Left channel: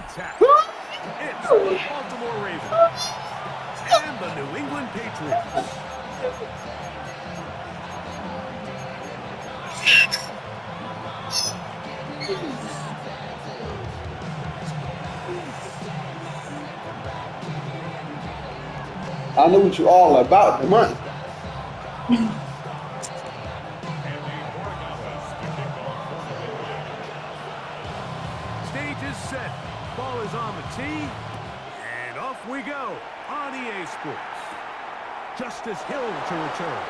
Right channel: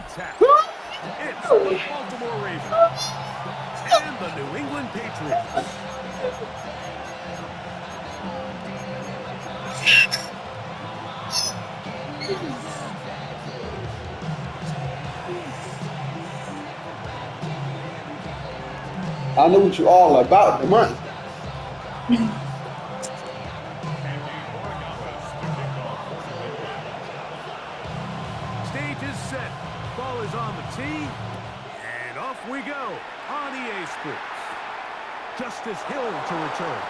on tap. It's the Baltimore Ravens and the New England Patriots. I know what you all about, the money. Stage is set. Ball is on the tee. And off we go on EA Sports. Justice Hill to return.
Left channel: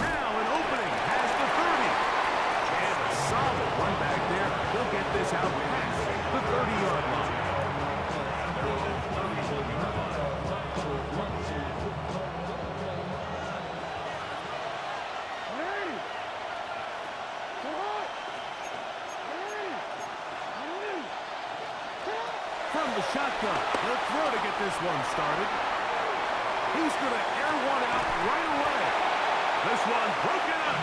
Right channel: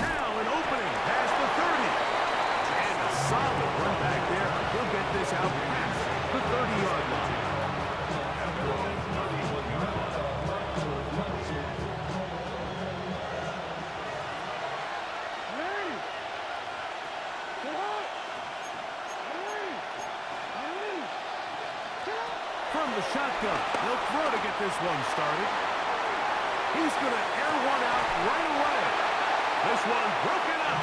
Now an opening past the 30. And a solid run back there. He'll get this out past the 30-yard line. From the shotgun, he'll throw to get this one started. He's going to air one out right away. This one broken up.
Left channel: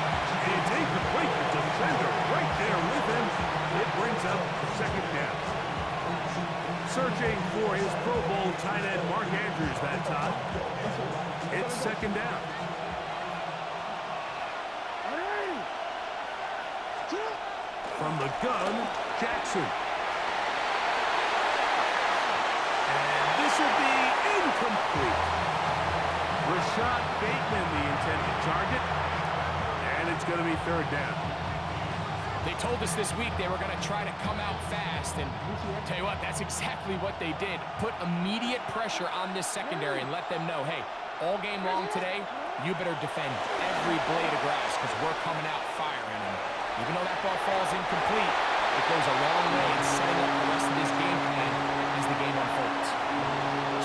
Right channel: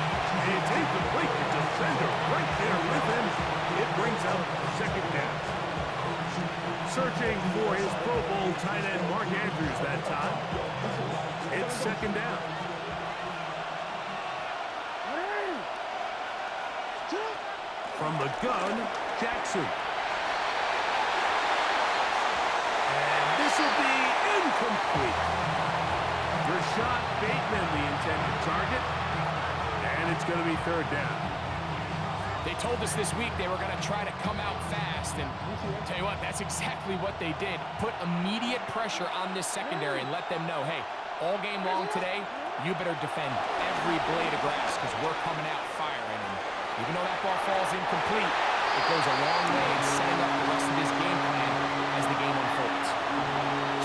It's incomplete. The defender right there with him. It brings up second down. Searching for his Pro Bowl tight end Mark Andrews that time. It's second down. From the gun, Jackson. This will be incomplete. Rashad Bateman, the intended target. And it's going to be third down. They told us this week they were going to try to come out fast. And tell you what, that's exactly what they did. Put immediate pressure on this secondary and let them know, hey, all game long today, you better defend every blade of grass because we're coming out firing. And even though that ball falls incomplete, it goes a long way in setting up the rest of this game plan as the game unfolds.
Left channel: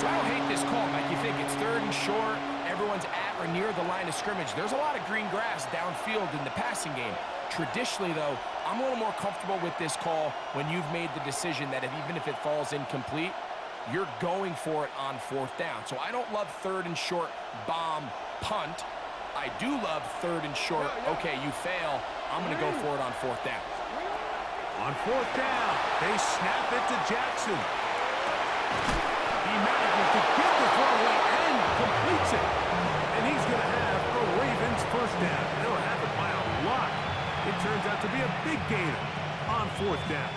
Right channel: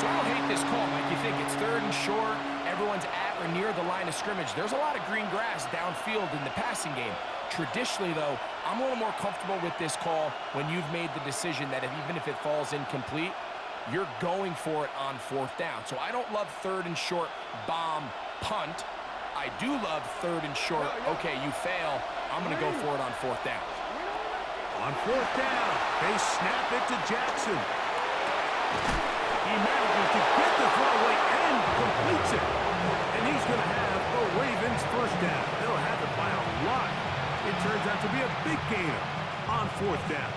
So I don't hate this call, Mike. You think it's third and short, everyone's at or near the line of scrimmage. There's a lot of green grass downfield in the passing game. Traditionally, though, I'm a little more comfortable with this call when you've made the decision that even if it falls incomplete, you're going for it on fourth down. So I don't love third and short, bomb, punt. I do love third and short, okay, you fail, I'm going to go for it on fourth down. On fourth down, they snap it to Jackson. He manages to get the throwaway and completes it. And he's going to have a Ravens first down. They'll have it by a lot. It turns out to be a big gainer on fourth down.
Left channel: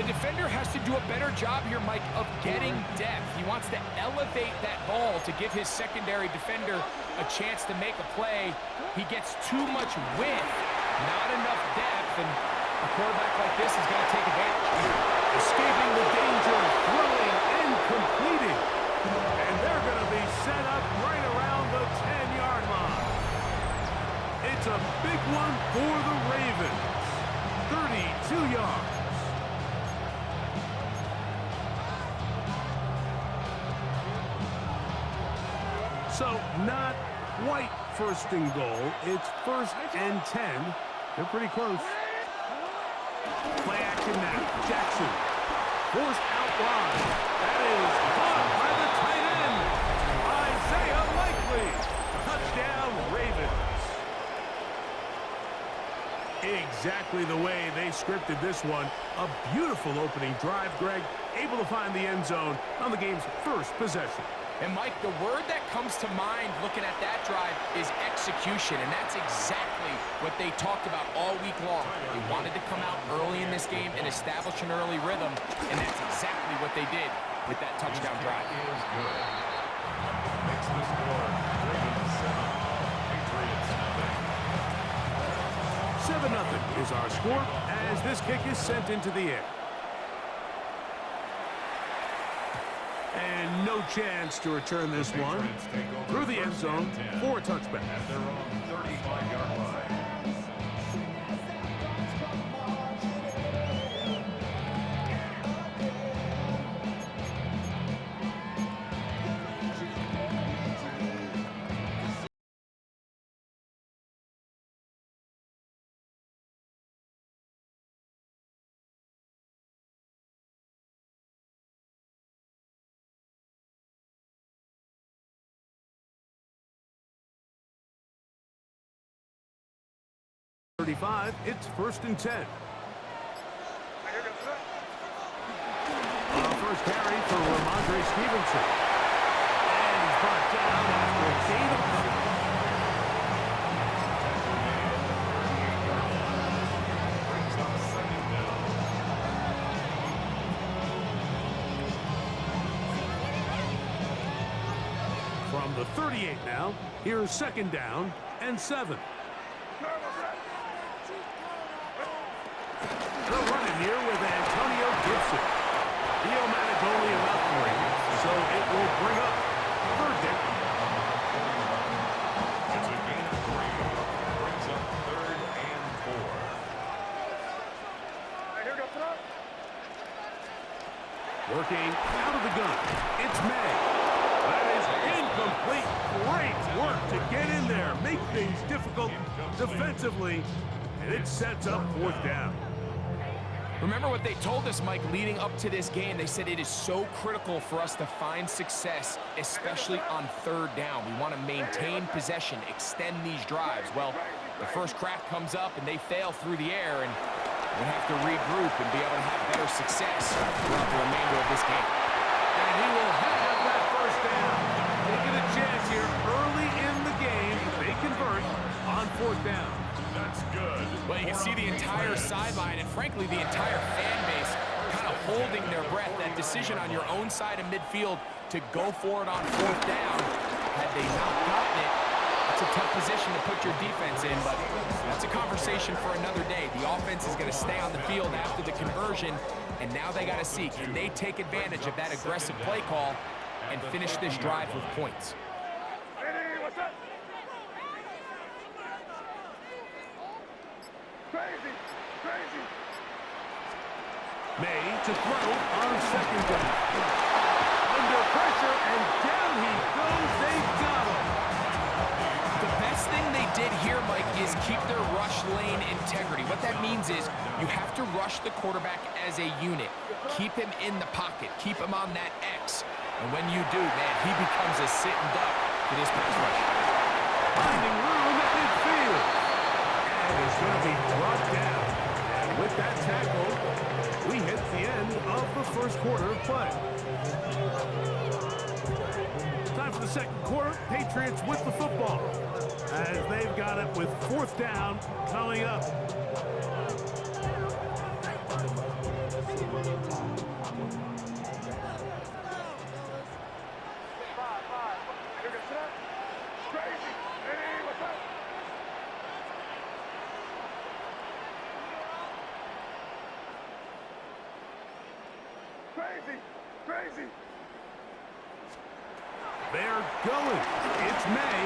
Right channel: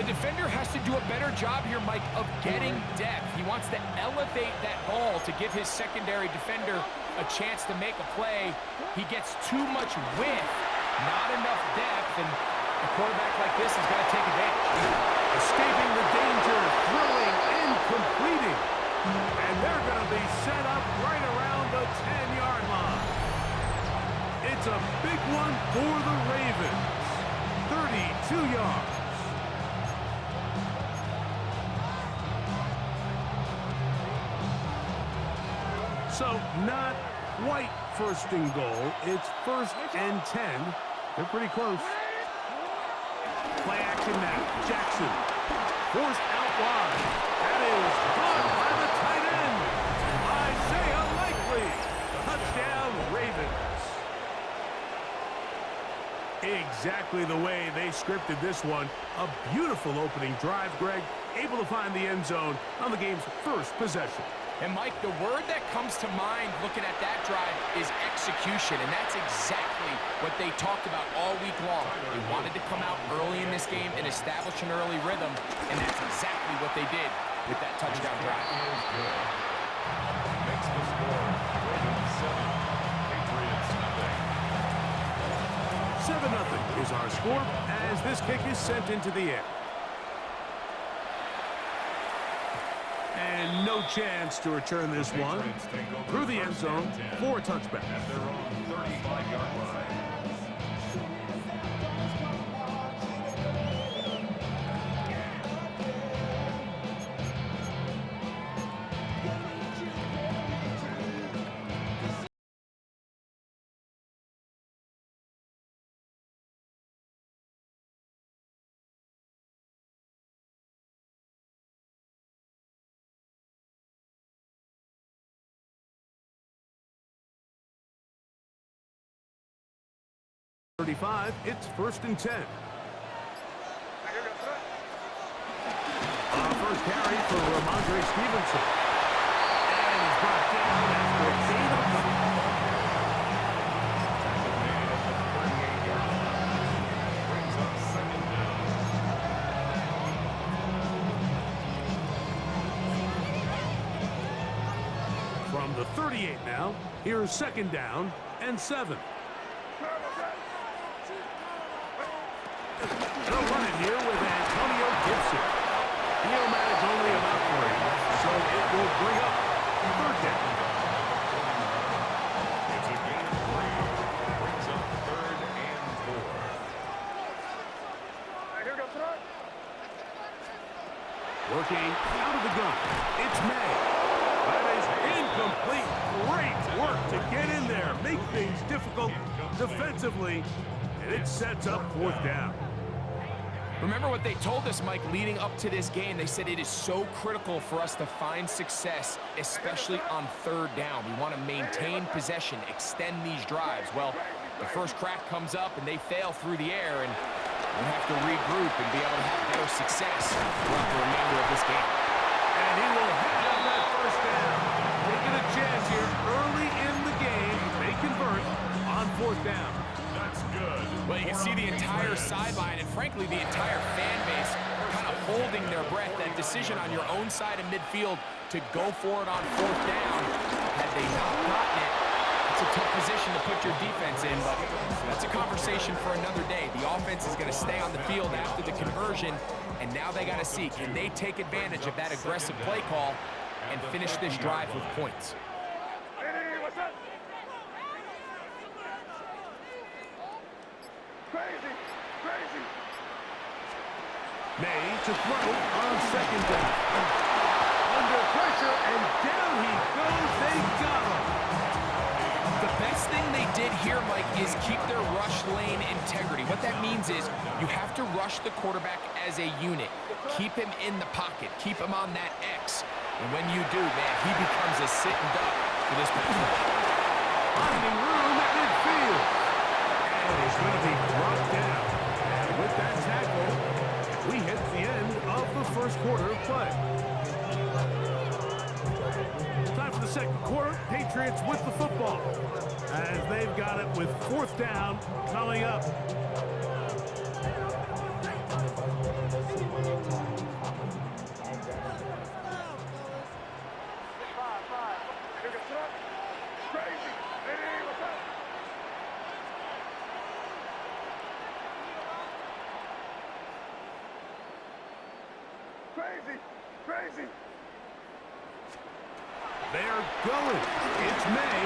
The defender has to do a better job here, Mike, of getting depth. He wants to elevate that ball to give his secondary defender a chance to make a play. He gets too much width, not enough depth, and a quarterback like this is going to take advantage. Escaping the danger, throwing and completing. And they're going to be set up right around the 10-yard line. It's a big one for the Ravens. 32 yards. So not quite first and goal. It's first and 10. They're pretty close. Play action now. Jackson. Forced out wide. That is caught by the tight end. Isaiah Likely. Touchdown, Ravens. Exactly the way they scripted this one. A beautiful opening drive, Greg. Able to find the end zone on the game's first possession. And, Mike, the word that comes to mind looking at that drive is execution, and that's exactly what they talked about all week long. They wanted to come out early in this game and establish an early rhythm, and that's exactly what they did with that touchdown drive. Is good. Makes the score Ravens 7, Patriots nothing. 7-0 is our score as this kick is sent into the air. And no chance to return this one through the end zone for a touchback. At their own 35-yard line. It's first and 10. first carry for Ramondre Stevenson. And he's brought down after a gain of a couple. Tackle made at the 38-yard line. Brings up second down. From the 38 now, here's second down and 7. They'll run it here with Antonio Gibson. He'll manage only about 3, so it will bring up third down. It's a gain of 3. Brings up third and 4. Working out of the gun, it's May. That is incomplete. Great work to get in there, make things difficult defensively, and it sets up fourth down. Remember what they told us, Mike, leading up to this game. They said it is so critical for us to find success, especially on third down. We want to maintain possession, extend these drives. Well, the first crack comes up and they fail through the air, and we have to regroup and be able to have better success throughout the remainder of this game. And he will have that first down. Taking a chance here early in the game. They convert on fourth down. That's good. Well, you can see the entire sideline and, frankly, the entire fan base kind of holding their breath. That decision on your own side of midfield to go for it on fourth down, had they not gotten it, it's a tough position to put your defense in, but that's a conversation for another day. The offense is going to stay on the field after the conversion, and now they got to see, can they take advantage of that aggressive play call and finish this drive with points? May to throw on second down. Under pressure, and down he goes. They got him. The best thing they did here, Mike, is keep their rush lane integrity. What that means is you have to rush the quarterback as a unit. Keep him in the pocket. Keep him on that X. And when you do, man, he becomes a sitting duck for this pass rush. Finding room at midfield. And he's going to be brought down. And with that tackle, we hit the end of the first quarter of play. Time for the second quarter. Patriots with the football, as they've got it with fourth down coming up. Crazy. They're going. It's May.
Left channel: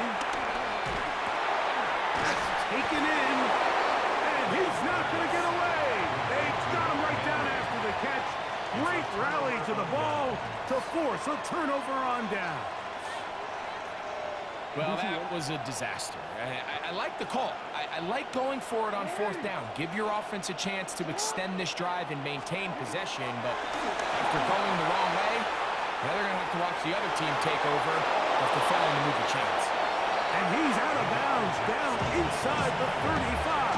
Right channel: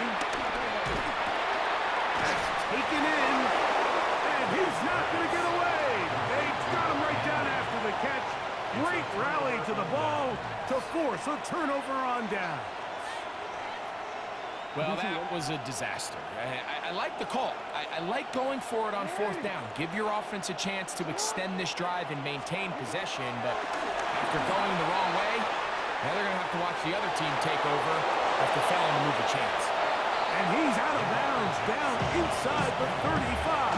That's taken in. And he's not going to get away. They got him right down after the catch. Great rally to the ball to force a turnover on down. Well, that was a disaster. I like the call. I like going for it on fourth down. Give your offense a chance to extend this drive and maintain possession, but after going the wrong way, now they're going to have to watch the other team take over after failing to move the chains. And he's out of bounds down inside the 35.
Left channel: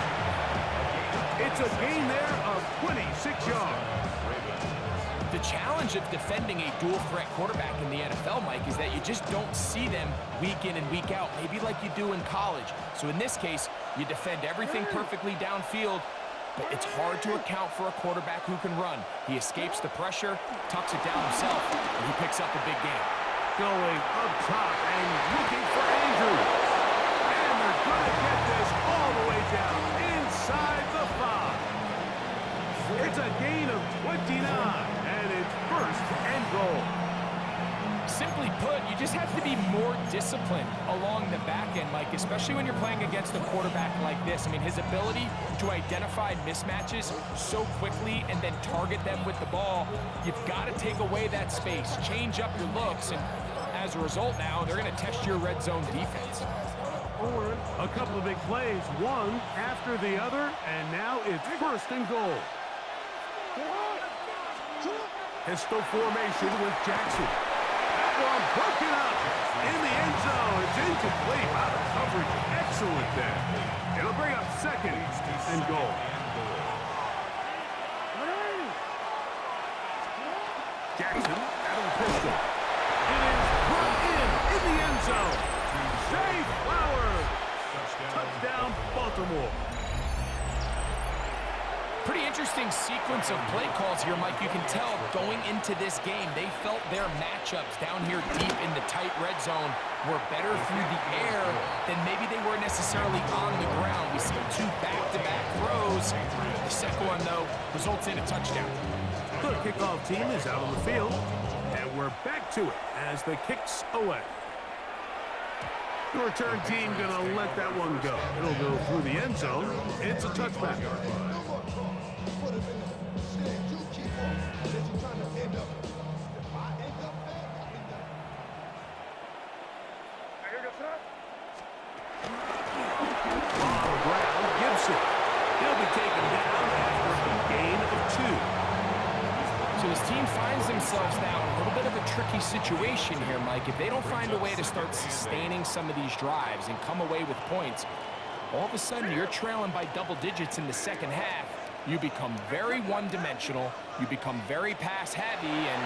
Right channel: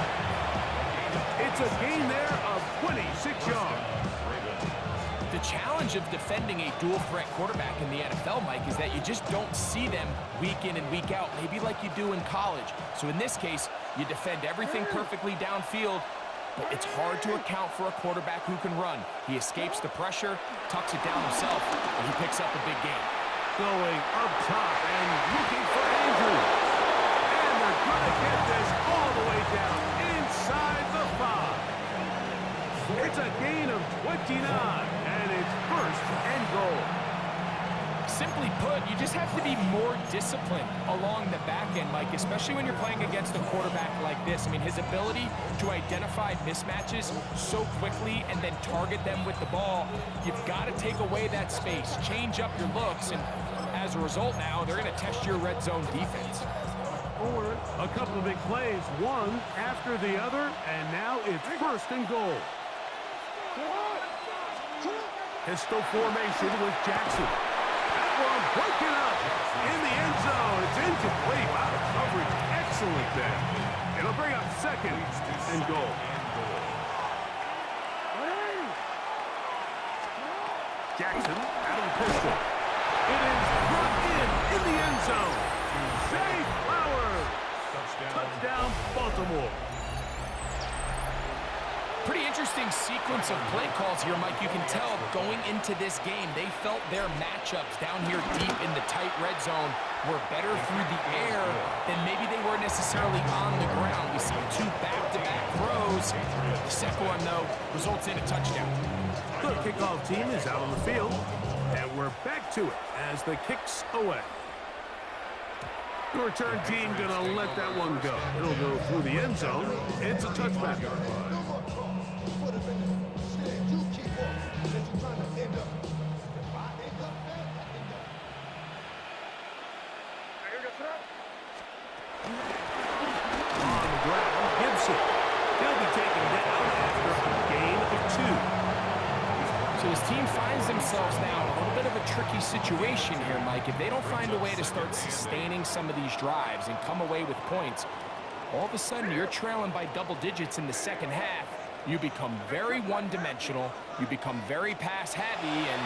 It's a gain there of 26 yards. The challenge of defending a dual-threat quarterback in the NFL, Mike, is that you just don't see them week in and week out, maybe like you do in college. So in this case, you defend everything perfectly downfield, but it's hard to account for a quarterback who can run. He escapes the pressure, tucks it down himself, and he picks up a big gain. Going up top and looking for Andrews. And they're going to get this all the way down inside the 5. It's a gain of 29, and it's first and goal. Simply put, you just have to be more disciplined along the back end, Mike, especially when you're playing against a quarterback like this. I mean, his ability to identify mismatches so quickly and then target them with the ball, you've got to take away that space, change up your looks, and as a result now, they're going to test your red zone defense. A couple of big plays, one after the other, and now it's first and goal. Pistol formation with Jackson. That one broken up in the end zone. It's incomplete. Out of coverage. Excellent there. It'll bring up second and goal. Jackson out of the pistol. It is brought in the end zone. Zay Flowers. Touchdown, Baltimore. Pretty interesting sequence of play calls here, Mike. You can tell going into this game, they felt their matchups down here deep in the tight red zone were better through the air than maybe they were necessarily on the ground. We see two back-to-back throws. The second one, though, results in a touchdown. The kickoff team is out on the field, and we're back to it as the kick's away. The return team gonna let that one go. It'll go through the end zone. It's a touchback. On the ground, Gibson. He'll be taken down after a gain of 2. So this team finds themselves now in a little bit of a tricky situation here, Mike. If they don't find a way to start sustaining some of these drives and come away with points, all of a sudden you're trailing by double digits in the second half. You become very one-dimensional, you become very pass-heavy, and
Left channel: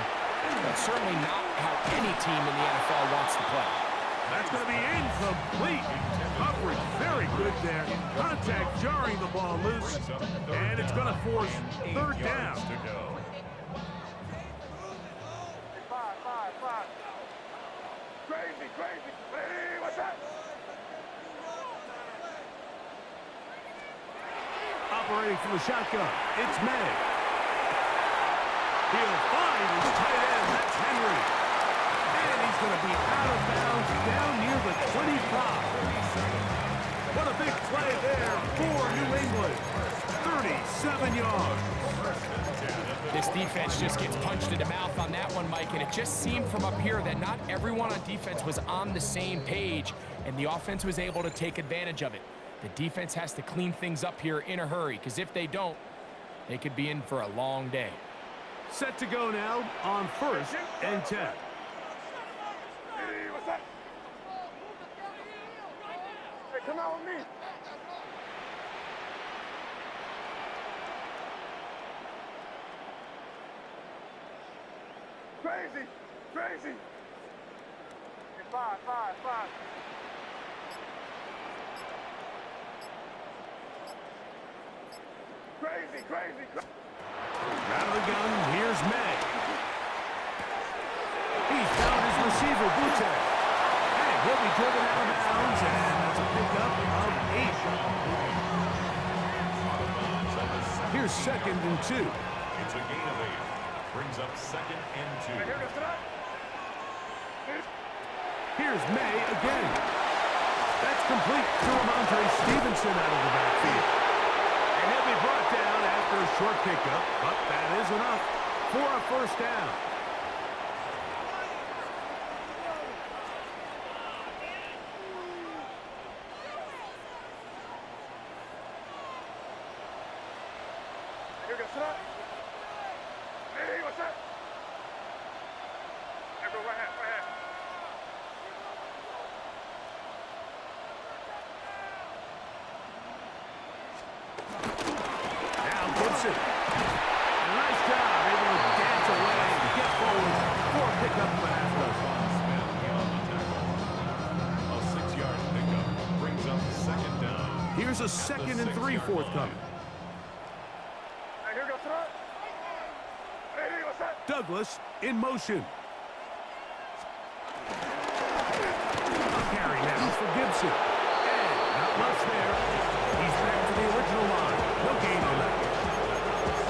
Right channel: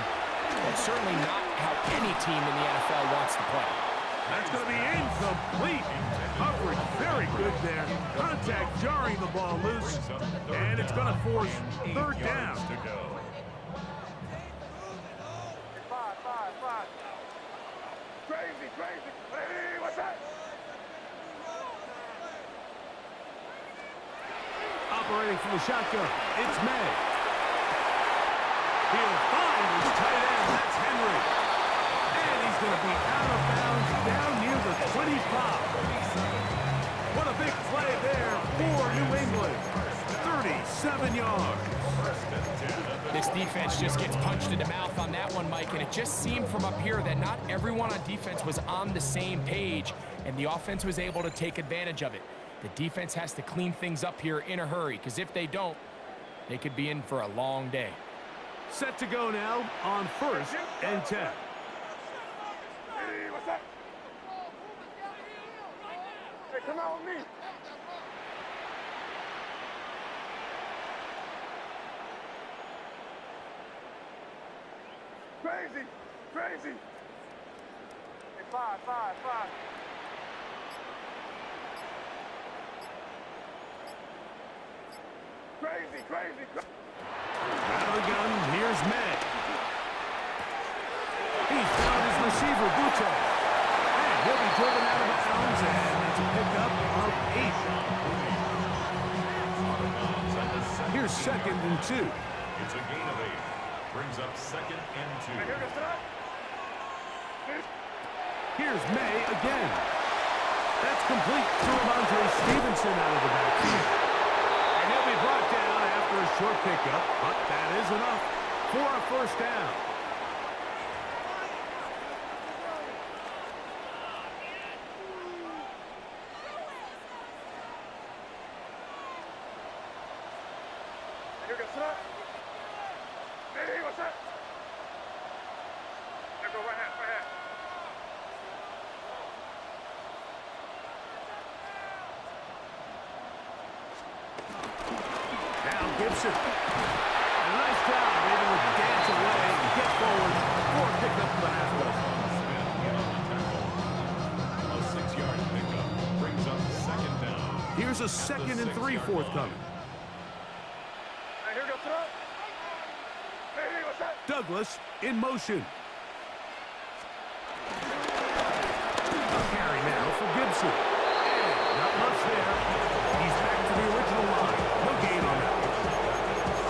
that's certainly not how any team in the NFL wants to play. That's going to be incomplete. Coverage very good there. Contact jarring the ball loose, and it's going to force third down. Crazy. Hey, what's that? Operating from the shotgun, it's May. He'll find his tight end, that's Henry. And he's going to be out of bounds down near the 25. What a big play there for New England. 37 yards. This defense just gets punched in the mouth on that one, Mike, and it just seemed from up here that not everyone on defense was on the same page, and the offense was able to take advantage of it. The defense has to clean things up here in a hurry, because if they don't, they could be in for a long day. Set to go now on 1st and 10. Hey, what's that? Hey, come out with me. Crazy. Hey, five. Crazy. Out of the gun, here's May. He's found his receiver, Butte. And he'll be driven out of bounds, and that's a pickup of 8. Here's 2nd and 2. It's a gain of 8. Brings up 2nd and 2. Here's May again. That's complete to Ramondre Stevenson out of the backfield. And he'll be brought down after a short pickup, but that is enough for a first down. Hey, what's that? There go right hand. Now Gibson. And a nice job, able to dance away and get forward for a pickup of a half dozen. Smith in on the tackle. A 6-yard pickup brings up 2nd down. Here's a 2nd and 3 forthcoming. Hey, here goes tonight. Hey, what's that? Douglas in motion. A carry now for Gibson. And not much there. He's back to the original line. No gain on that.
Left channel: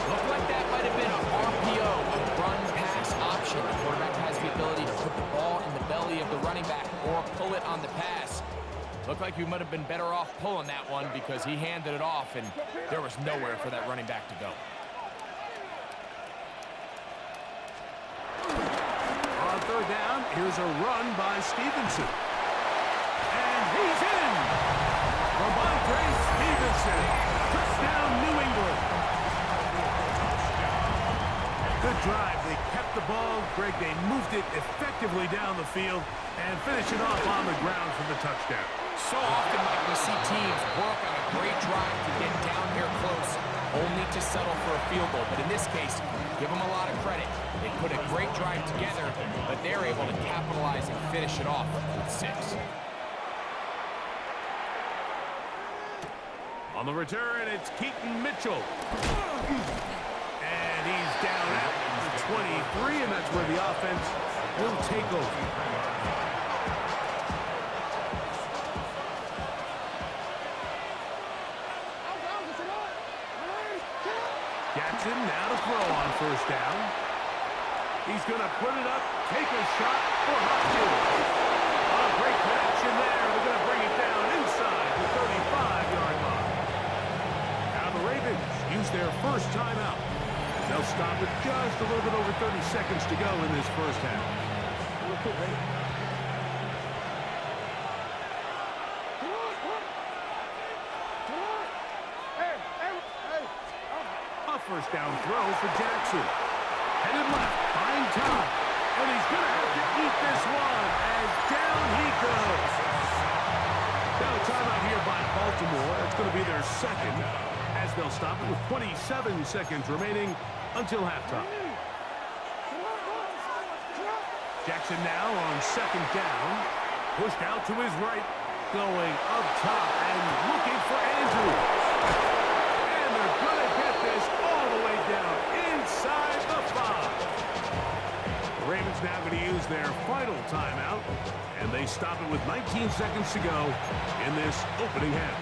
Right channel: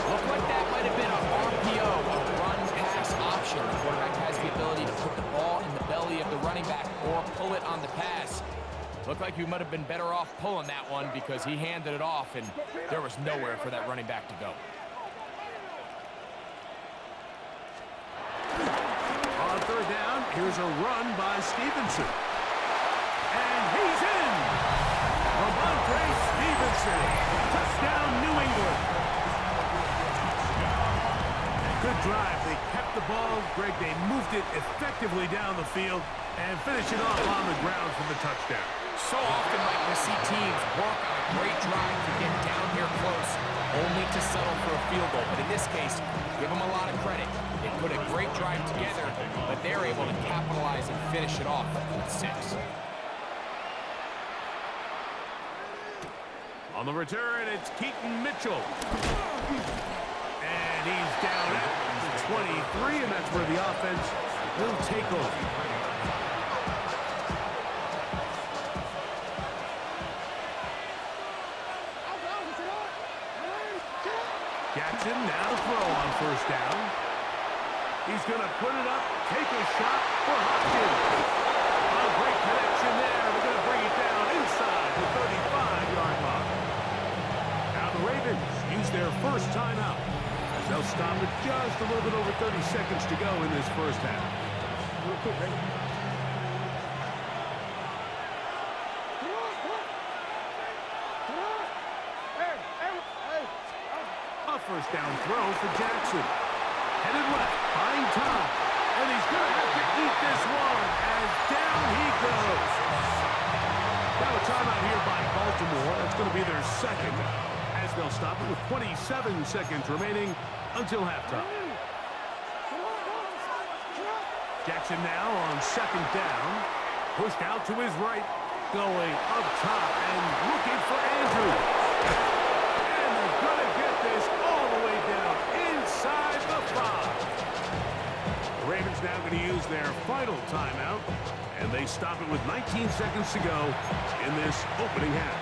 Looked like that might have been an RPO, a run-pass option. The quarterback has the ability to put the ball in the belly of the running back or pull it on the pass. Looked like he might have been better off pulling that one because he handed it off, and there was nowhere for that running back to go. On 3rd down, here's a run by Stevenson. And he's in! Ramondre Stevenson. Touchdown, New England. Good drive. They kept the ball. Greg, they moved it effectively down the field and finish it off on the ground for the touchdown. So often, Mike, we see teams work on a great drive to get down here close, only to settle for a field goal. But in this case, give them a lot of credit. They put a great drive together, but they're able to capitalize and finish it off with 6. On the return, it's Keaton Mitchell. And he's down at the 23, and that's where the offense will take over. Jackson now to throw on first down. He's going to put it up, take a shot for Hopkins. A great connection there. They're going to bring it down inside the 35-yard line. Now the Ravens use their first timeout, as they'll stop it just a little bit over 30 seconds to go in this first half. A first down throw for Jackson. Headed left, buying time. And he's going to have to eat this one as down he goes. Now a timeout here by Baltimore. That's going to be their second, as they'll stop it with 27 seconds remaining until halftime. Jackson now on second down. Pushed out to his right. Going up top and looking for Andrews. And they're going to get this all the way down inside the 5. The Ravens now going to use their final timeout. And they stop it with 19 seconds to go in this opening half.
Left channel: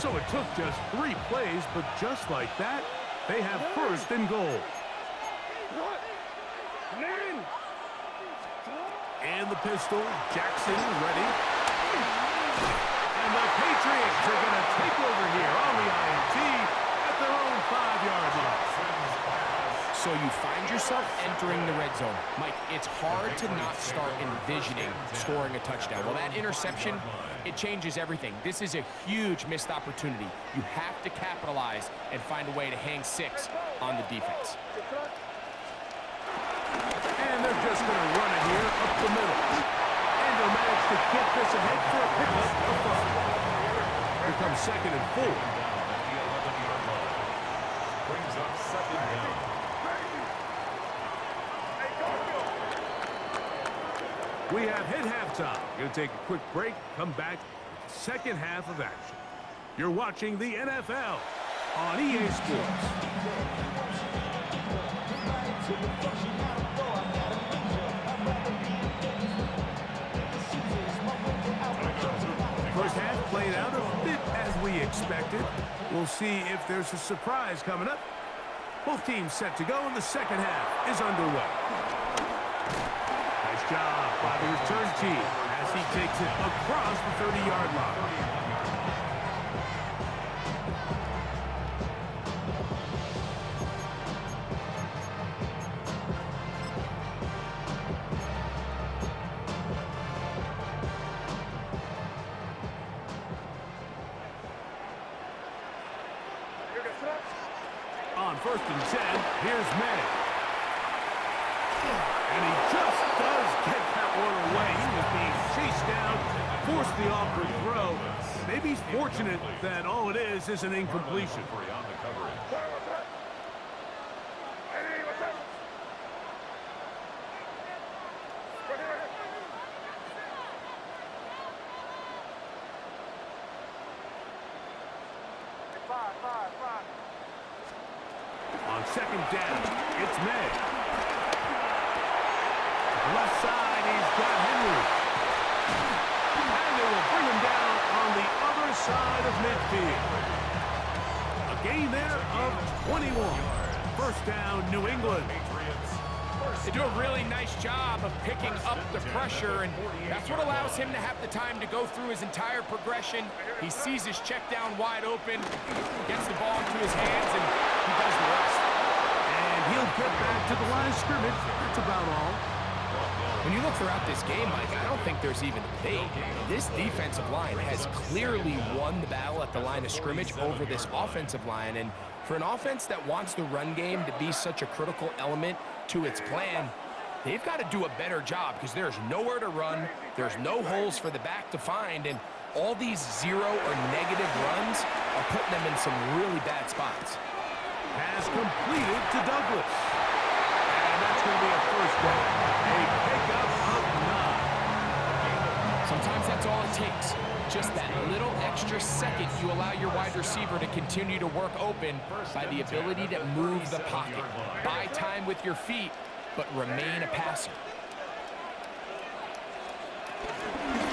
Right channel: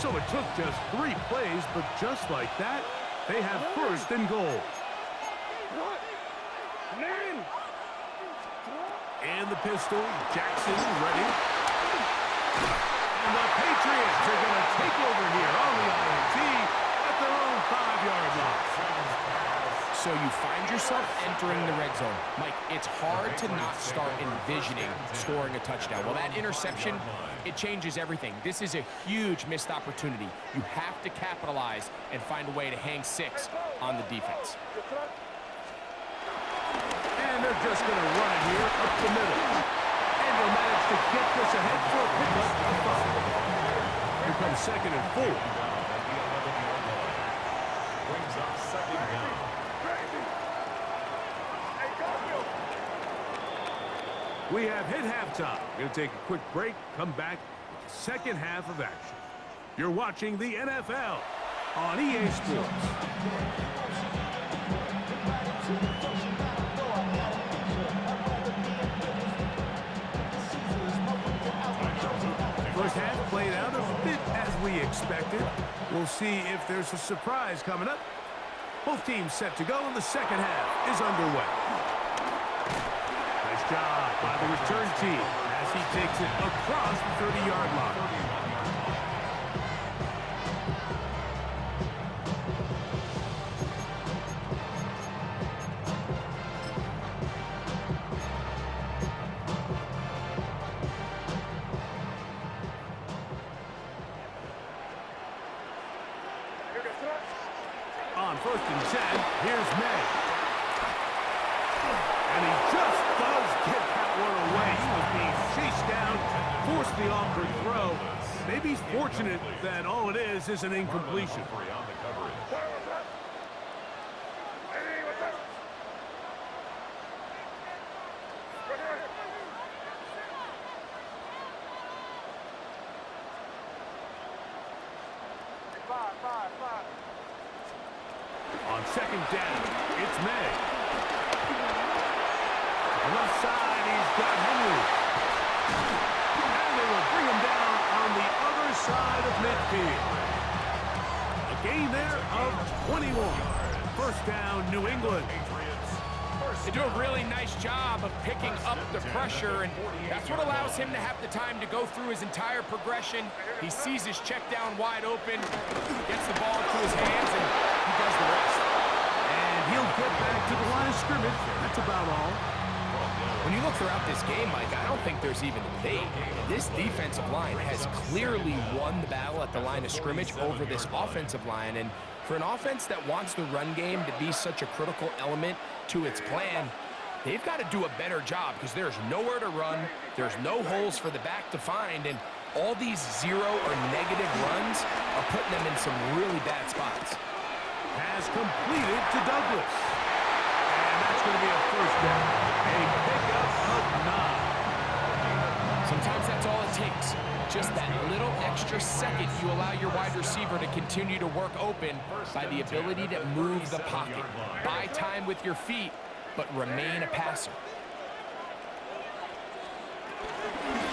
So it took just 3 plays, but just like that, they have first and goal. And the pistol, Jackson ready. And the Patriots are going to take over here on the INT at their own 5-yard line. So you find yourself entering the red zone. Mike, it's hard to not start envisioning scoring a touchdown. Well, that interception, it changes everything. This is a huge missed opportunity. You have to capitalize and find a way to hang 6 on the defense. And they're just going to run it here up the middle. And they'll manage to get this ahead for a pickup of 5. Here comes second and 4. Down at the 11-yard line. Brings up second down. We have hit halftime. Going to take a quick break, come back with the second half of action. You're watching the NFL on EA Sports. First half played out a bit as we expected. We'll see if there's a surprise coming up. Both teams set to go, and the second half is underway. Nice job by the return team as he takes it across the 30-yard line. On first and 10, here's May. And he just does get that one away. He was being chased down, forced the awkward throw. Maybe he's fortunate that all it is an incompletion. On second down, it's May. Left side, he's got Henry. And they will bring him down on the other side of midfield. A gain there of 21. First down, New England. They do a really nice job of picking up the pressure, and that's what allows him to have the time to go through his entire progression. He sees his check down wide open, gets the ball into his hands, and he does the rest. And he'll get back to the line of scrimmage. That's about all. When you look throughout this game, Mike, I don't think there's even a debate. This defensive line has clearly won the battle at the line of scrimmage over this offensive line. And for an offense that wants the run game to be such a critical element to its plan, they've got to do a better job because there's nowhere to run, there's no holes for the back to find, and All these zero or negative runs are putting them in some really bad spots. Has completed to Douglas. And that's going to be a first down. A pickup of 9. Sometimes that's all it takes. Just that little extra second you allow your wide receiver to continue to work open by the ability to move the pocket. Buy time with your feet, but remain a passer.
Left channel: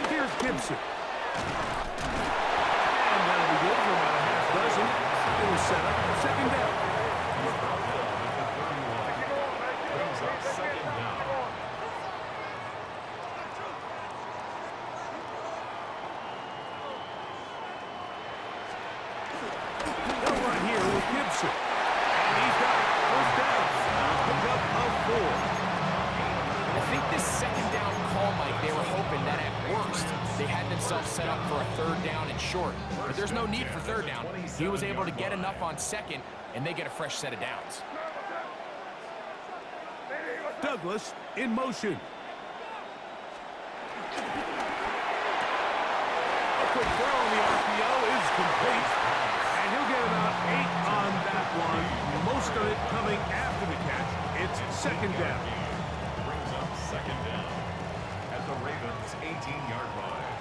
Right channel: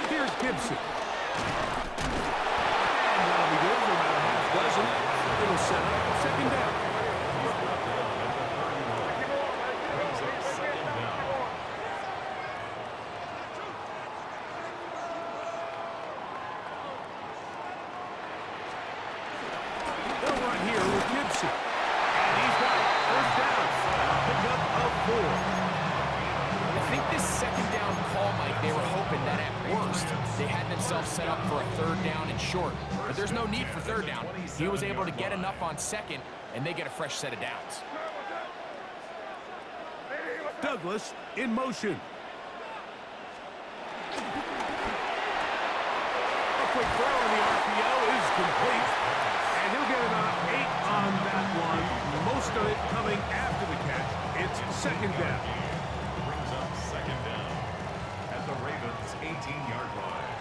Here's Gibson. And that'll be good for about a half dozen. It'll set up second down. He's brought down at the 31. Brings up second down. They'll run here with Gibson. And he's got it. First down. A pickup of 4. I think this second down call, Mike, they were hoping that at worst they had themselves set up for a third down and short. But there's no need for third down. He was able to get enough on second, and they get a fresh set of downs. Douglas in motion. A quick throw on the RPO is complete. And he'll get about 8 on that one. Most of it coming after the catch. It's second down. Brings up second down at the Ravens' 18-yard line.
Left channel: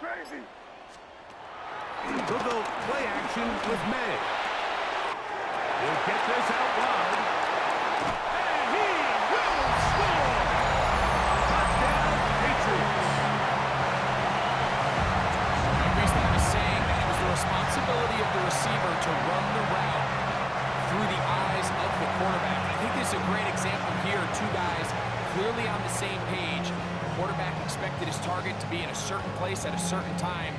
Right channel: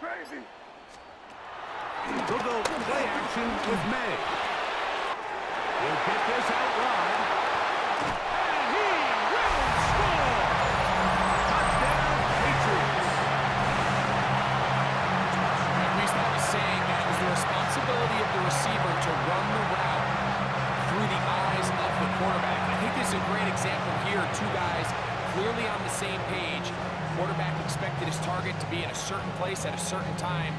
Crazy. They'll go play action with May. He'll get this out wide. And he will score! Touchdown, Patriots. At least that was saying that it was the responsibility of the receiver to run the route through the eyes of the quarterback. I think this is a great example here. Two guys clearly on the same page. Quarterback expected his target to be in a certain place at a certain time.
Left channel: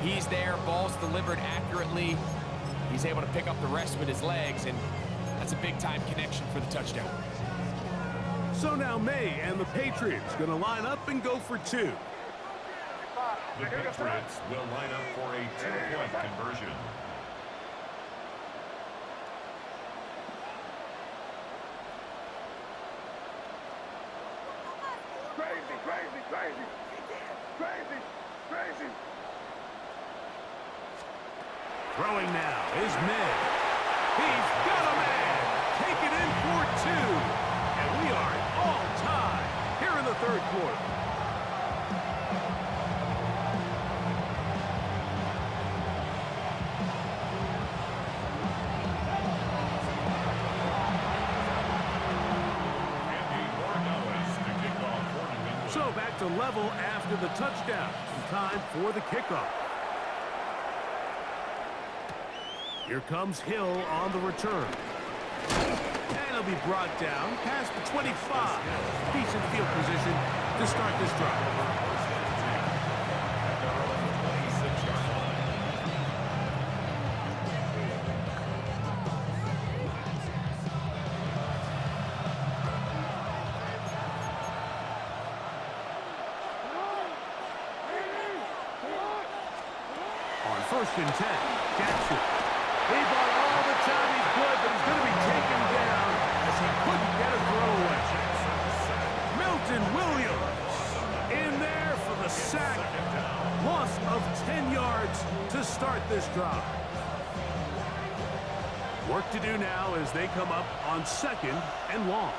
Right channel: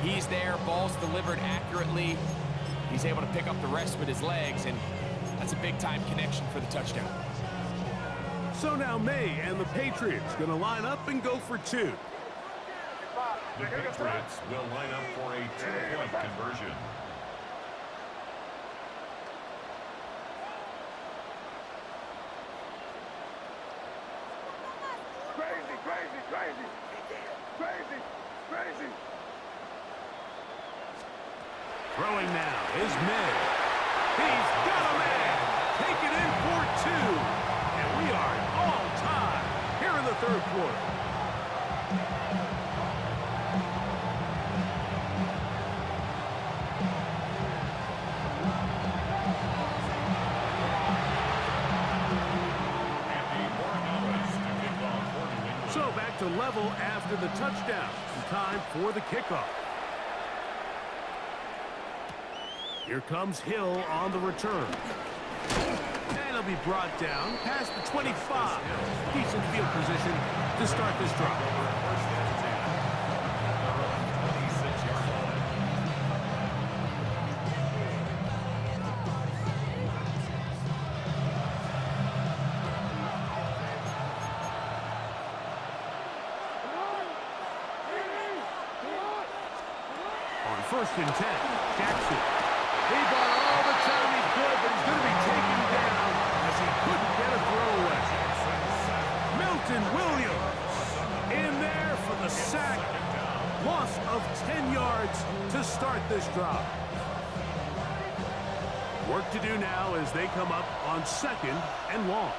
He's there, ball's delivered accurately. He's able to pick up the rest with his legs, and that's a big-time connection for the touchdown. So now May and the Patriots going to line up and go for 2. The Patriots will line up for a 2-point conversion. Crazy. Throwing now is May. He's got a man. Take it in for 2. And we are all tied here in the third quarter. So back to level after the touchdown. And time for the kickoff. Here comes Hill on the return. And he'll be brought down past the 25. Decent field position to start this drive. First and 10 at their own 26-yard line. On first and 10, Jackson. He bought all the time he could, but he's going to be taken down as he couldn't get a throw away. Milton Williams in there for the sack. Loss of 10 yards to start this drive. Work to do now as they come up on second and long.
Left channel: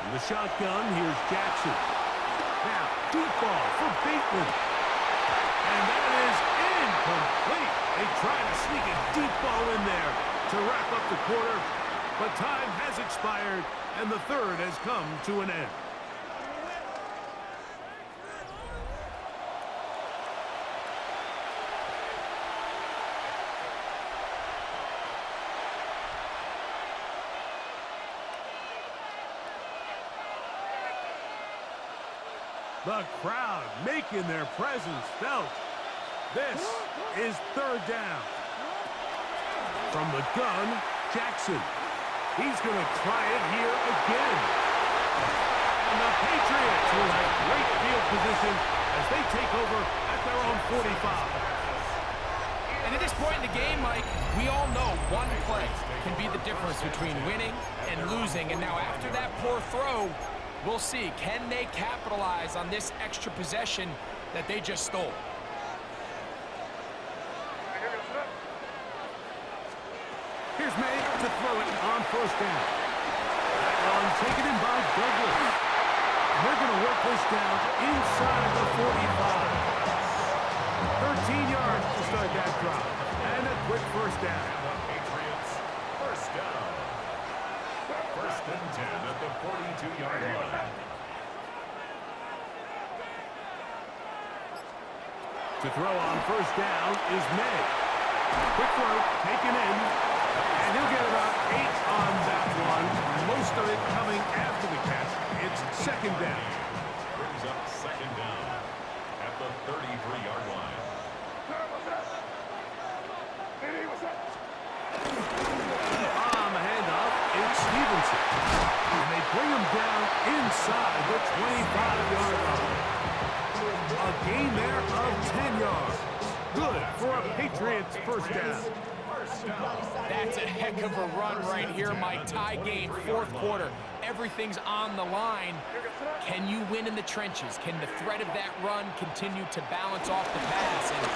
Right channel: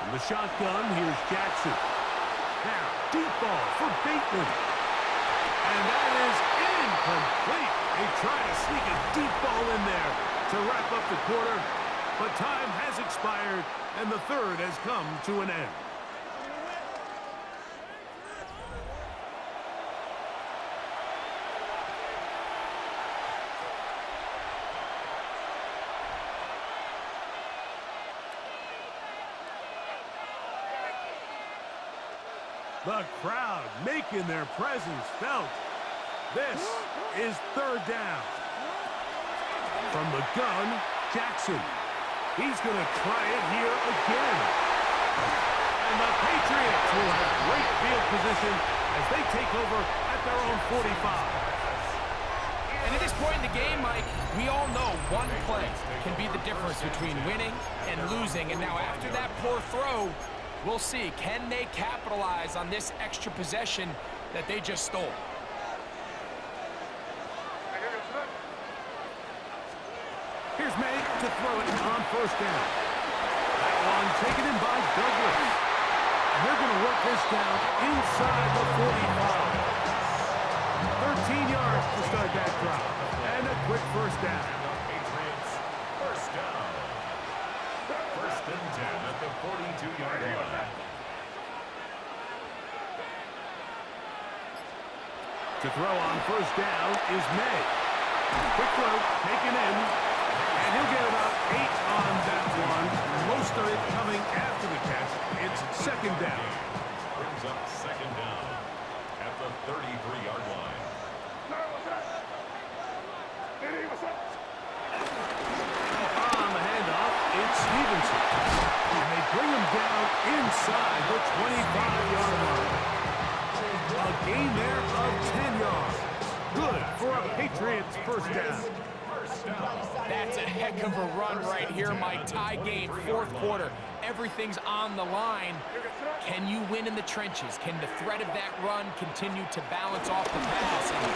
From the shotgun, here's Jackson. Now, deep ball for Bateman. And that is incomplete. They try to sneak a deep ball in there to wrap up the quarter, but time has expired, and the third has come to an end. The crowd making their presence felt. This is third down. From the gun, Jackson. He's going to try it here again. And the Patriots will have great field position as they take over at their own 45. And at this point in the game, Mike, we all know one play can be the difference between winning and losing. And now after that poor throw, we'll see, can they capitalize on this extra possession that they just stole? Here's May to throw it on first down. That one taken in by Douglas. And they're going to work this down inside the 45. 13 yards to start that drop. And a quick first down. And the Patriots, first down. First and 10 at the 42-yard line. To throw on first down is May. Quick throw, taken in. And he'll get about 8 on that one. Most of it coming after the catch. It's second down. Brings up second down at the 33-yard line. On the handoff, it's Stevenson. And they bring him down inside the 25-yard line. A gain there of 10 yards. Good for a Patriots first down. That's a heck of a run right here, Mike. Tie game, fourth quarter. Everything's on the line. Can you win in the trenches? Can the threat of that run continue to balance off the pass? And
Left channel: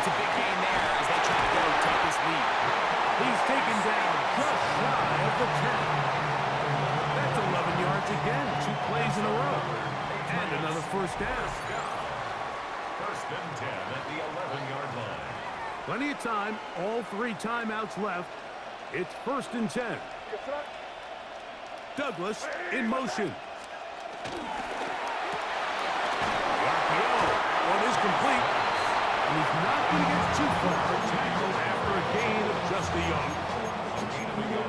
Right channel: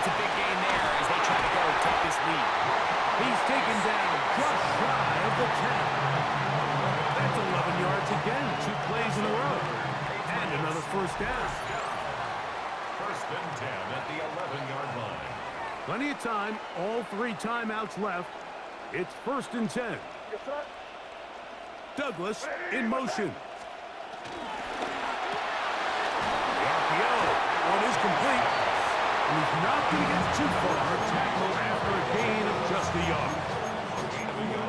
it's a big gain there as they try to go take this lead. He's taken down just shy of the 10. That's 11 yards again, 2 plays in a row. And another first down. First and 10 at the 11-yard line. Plenty of time, all 3 timeouts left. It's first and 10. Douglas in motion. The RPO, that one is complete. And he's not going to get too far. Tackle after a gain of just a yard.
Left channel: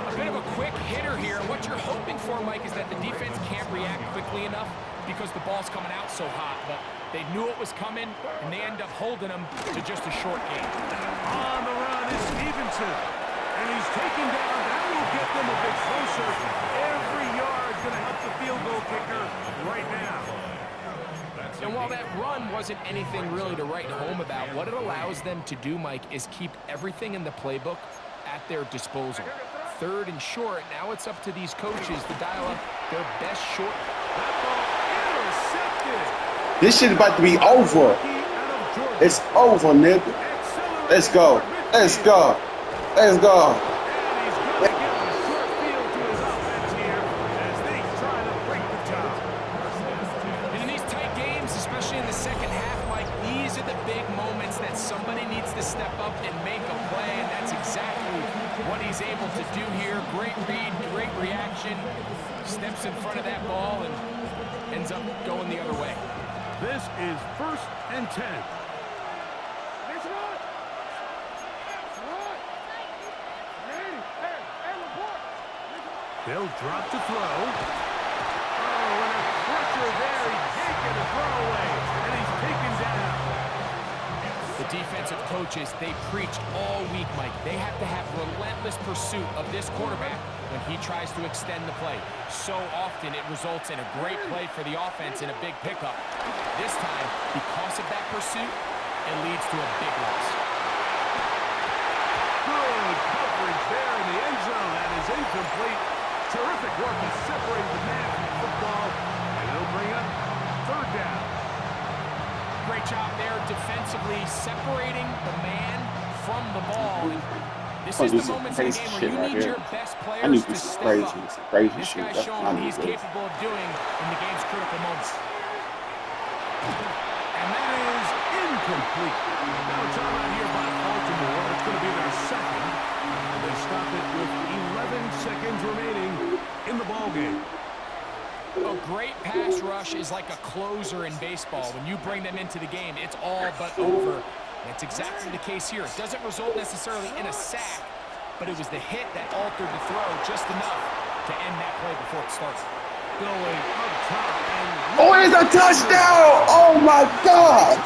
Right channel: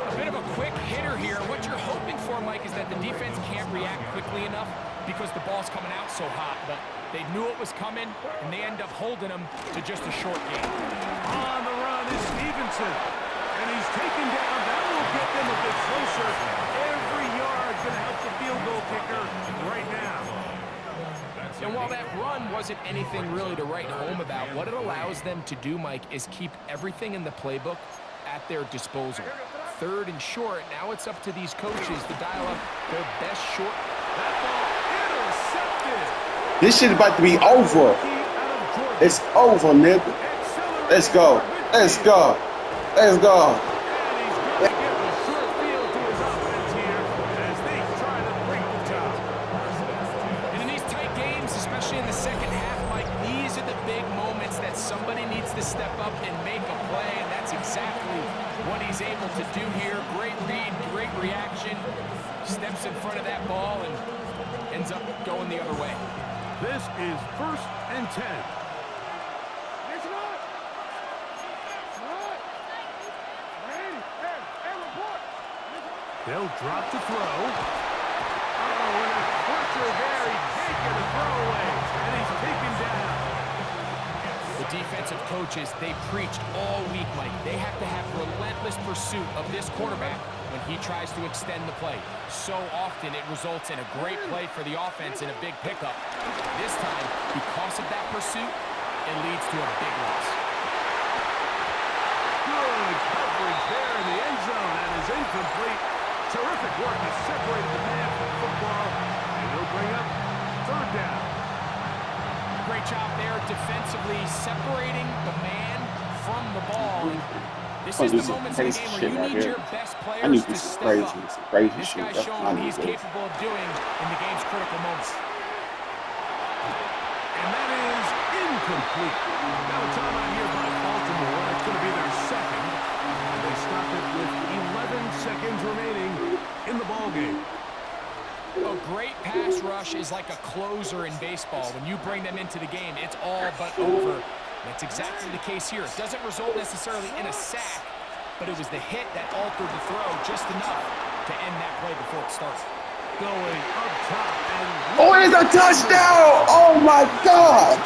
A bit of a quick hitter here. What you're hoping for, Mike, is that the defense can't react quickly enough because the ball's coming out so hot. But they knew it was coming, and they end up holding them to just a short gain. On the run is Stevenson. And he's taken down. That will get them a bit closer. Every yard going to help the field goal kicker right now. And while that run wasn't anything really to write home about, what it allows them to do, Mike, is keep everything in the playbook at their disposal. Third and short, now it's up to these coaches to dial up their best short. That ball intercepted. This shit about to be over. It's over, nigga. Let's go. Let's go. Let's go. And he's going to give a short field to his offense here as they try to break the tie. And in these tight games, especially in the second half, Mike, these are the big moments that somebody needs to step up and make a play, and that's exactly what he's able to do here. Great read, great reaction, steps in front of that ball and ends up going the other way. This is first and 10. They'll drop to throw. Oh, and a crusher there. He can't get a throwaway, and he's taken down. The defensive coaches, they preached all week, Mike. They have to have relentless pursuit of this quarterback when he tries to extend the play. So often it results in a great play for the offense and a big pickup. This time, because of that pursuit, it leads to a big loss. Good coverage there in the end zone. That is incomplete. Terrific work has separated the man from the football, and it'll bring up third down. Great job there defensively, separating the man from the ball. And this is the moments in the game where you need your best players to step up. This guy's shown what he's capable of doing in the game's critical moments. And that is incomplete. Now a timeout here by Baltimore. It's going to be their second. And they stop it with 11 seconds remaining in the ballgame. A great pass rush is like a closer in baseball. When you bring them into the game, it's all but over. That's exactly the case here. It doesn't result necessarily in a sack, but it was the hit that altered the throw just enough to end that play before it started. Going up top and... Oh, it's a touchdown! Oh, my God!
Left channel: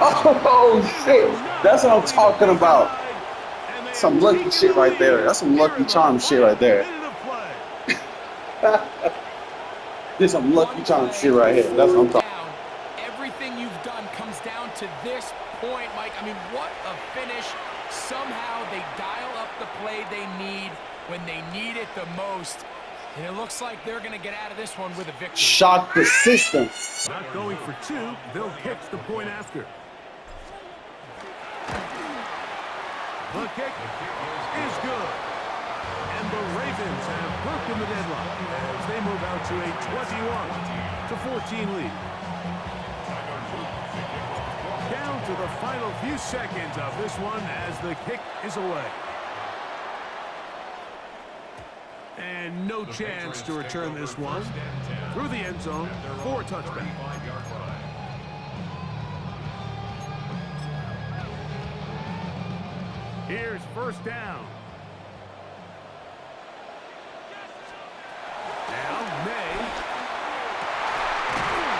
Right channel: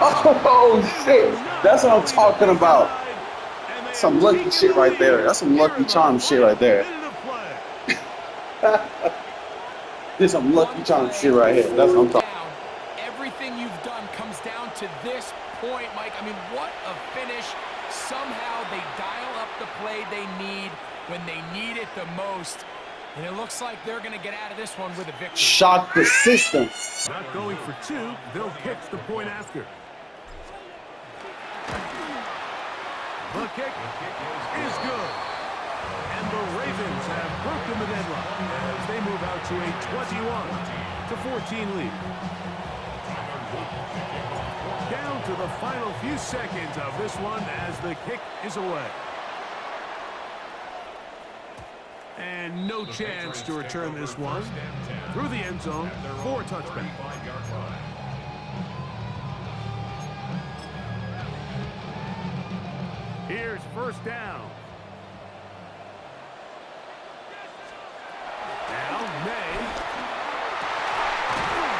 Oh, shit. That's what I'm talking about. Some lucky shit right there. That's some lucky charm shit right there. There's some lucky charm shit right here. That's what I'm talking about. Everything you've done comes down to this point, Mike. I mean, what a finish. Somehow they dial up the play they need when they need it the most. And it looks like they're going to get out of this one with a victory. Shock the system. Not going for two. They'll kick the point after. The kick is good. And the Ravens have broken the deadlock as they move out to a 21-14 lead. Down to the final few seconds of this one as the kick is away. And no chance to return this one through the end zone for a touchback. Here's first down. Now May.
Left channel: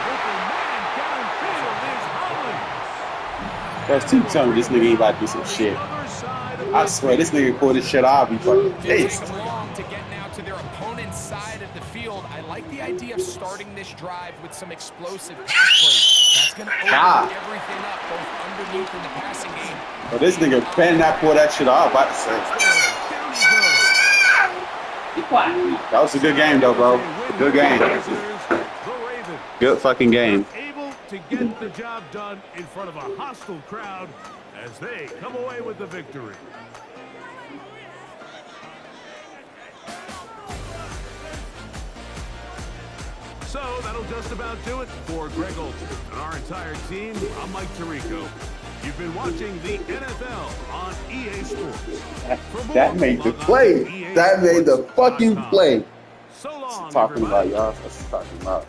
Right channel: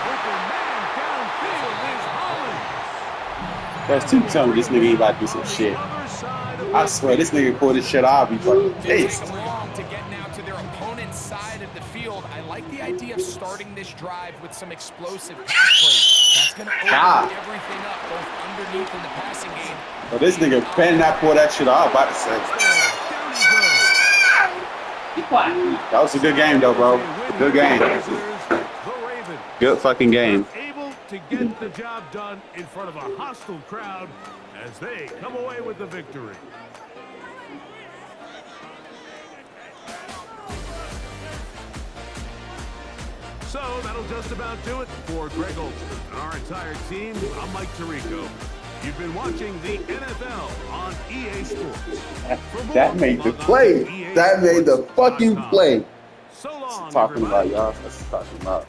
Open man downfield is Hollins. First team tell me this nigga ain't about to do some shit. I swear, this nigga pulled this shit off. He fucking pissed. Long to get now to their opponent's side of the field. I like the idea of starting this drive with some explosive pass plays. That's going to open everything up, both underneath in the passing game. But this nigga better not pull that shit off. About to say. Be quiet. That was a good game, though, bro. Good game. Good fucking game. Able to get the job done in front of a hostile crowd as they come away with the victory. So that'll just about do it for Greg Olson and our entire team. I'm Mike Tirico. You've been watching the NFL on EA Sports. That made the play. That made the fucking play. So long, Talking about, everybody. y'all. That's what I'm talking about.